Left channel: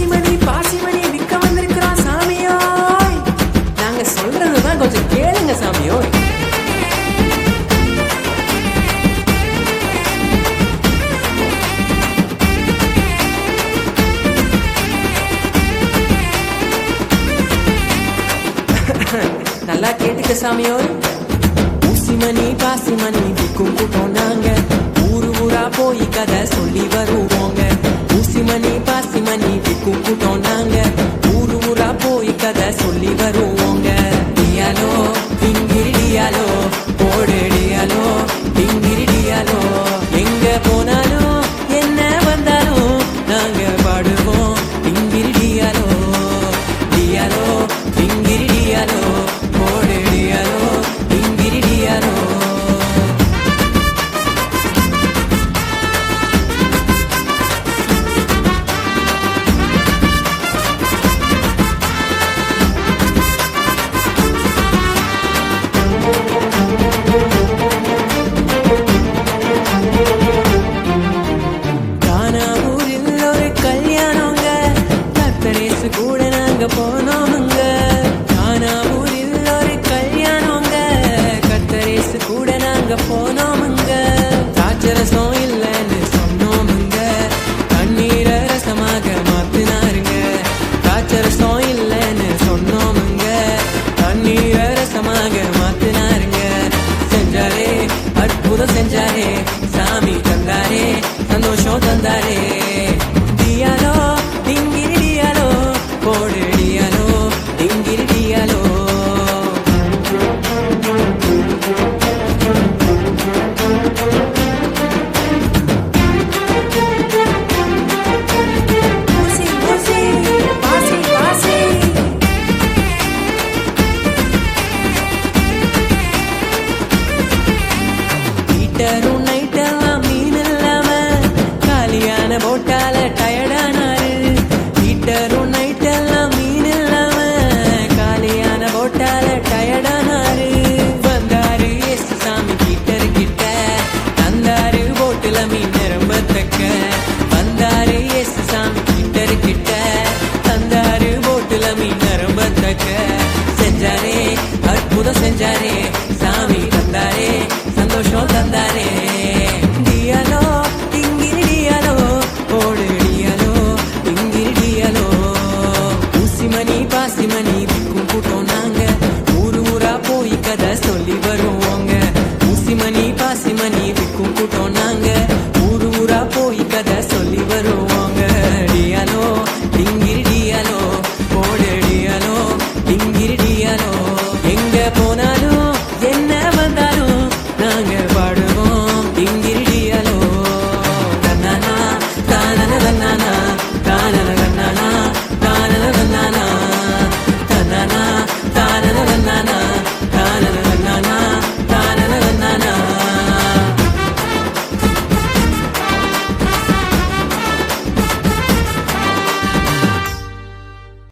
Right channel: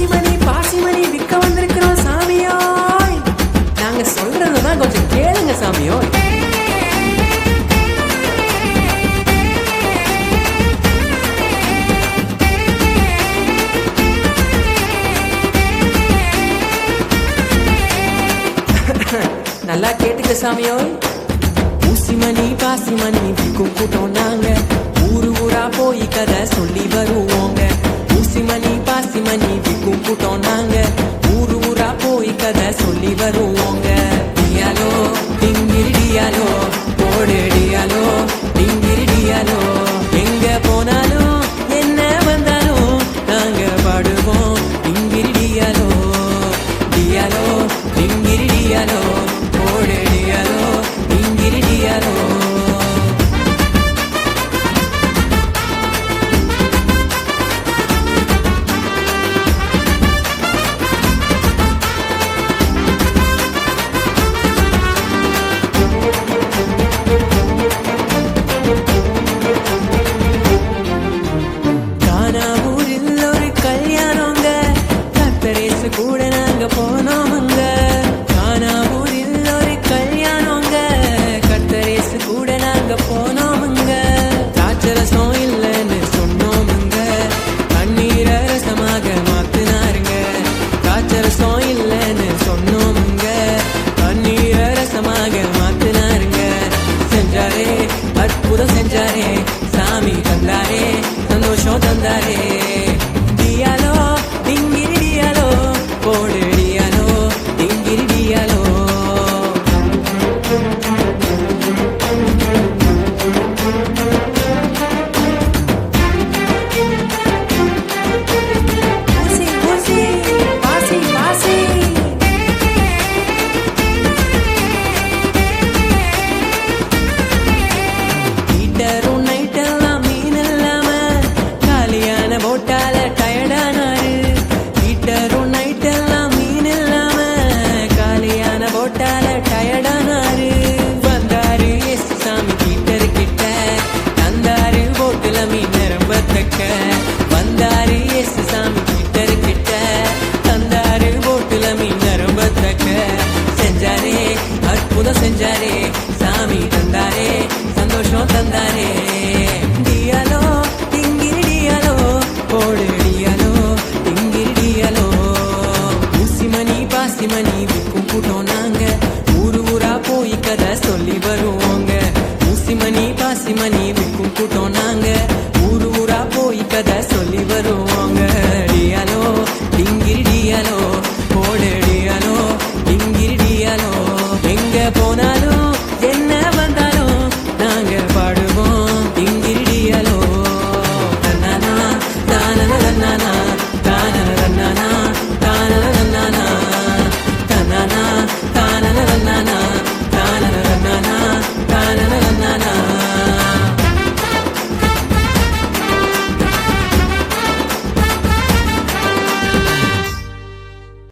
பாசிமணி பாசிமணி விற்க வந்திருக்கிறோம் சாமியோய். நாங்க சொல்றதுதான் கொஞ்சம் கேளுங்க சாமியோய். நல்லா கேட்டுக்க சாமியோய். ஊசிமணி பாசிமணி விற்கும் கூட்டம் நாங்க. ஊரு ஊரா போய் கதை சொல்லி வருவோங்க. ஊசிமணி பாசிமணி விக்கும் கூட்டம் நாங்க. ஊரு ஊரா போய் கதை சொல்லி வருவோங்க. டியாலோ டிங்கிரி டியாலோ போடு டியாலோ டிங்கிரி டியாலோ எங்க போனாலும் என்ன வந்தாலும் நாங்க பாடுவோம். டிங்கிரி டியாலோ டியாலோ டிங்கிரி டியாலோ போடு டியாலோ டிங்கிரி டியாலோ கத்தரேசு கூட நாங்க போனோமுங்க. கானாவூரில் ஒரு கல்யாணங்க. கத்தரேசு கூட நாங்க போனோமுங்க. திராட்சரசம் இல்லைன்னு சொன்னோமுங்க. கண்ணீர ரசமாக மாத்தினாருங்க. திராட்சரசம் இல்லைன்னு சொன்னோமுங்க. கண்ணீர ரசமாக மாத்தினாருங்க. செஞ்சாரே அற்புதம் செஞ்சாரே. சாமி தந்தாரே சந்தோஷம் தந்தாரே. டியாலோ டிங்கிரி டியாலோ போடு டியாலோ டிங்கிரி டியாலோ ஊசி ஊசி பாசி பாசி. காலியான போட்டால டயர்டானாரு ஹீட்டரும் நைட்டெல்லாம் மீன் இல்லாம காலியான போட்டால டயர்டானாரு வந்தாரு எஸ் சாமி ஹீட்டர் கிட்ட தந்தாரு போட்டுல மீன் நிரம்ப தக்க. வந்தாரு எஸ் சாமி ஹீட்டர் கிட்ட தந்தாரு போட்டுல மீன் நிரம்ப தக்க. செஞ்சாரே அற்புதம் செஞ்சாரே சாமி தந்தாரே. சந்தோஷம் தந்தாரே. டியாலோ டிங்கிரி டியாலோ போடு டியாலோ டிங்கிரி டியாலோ ஊசிமணி பாசிமணி விற்கும் கூட்டம் நாங்க. ஊரு ஊரா போய் கதை சொல்லி வருவோங்க. ஊசிமணி பாசிமணி விற்கும் கூட்டம் நாங்க. ஊரு ஊரா போய் கதை சொல்லி வருவோங்க. டியாலோ டிங்கிரி டியாலோ போடு டியாலோ டிங்கிரி டியாலோ எங்க போனாலும் என்ன வந்தாலும் நாங்க பாடுவோம். இங்கிரிடியாலோ. தன்னானா தானன தன்னானா தானன தன்னானா தானன தன்னானா. தன்னானா தானன தன்னானா தானன தன்னானா தானன தன்னானா.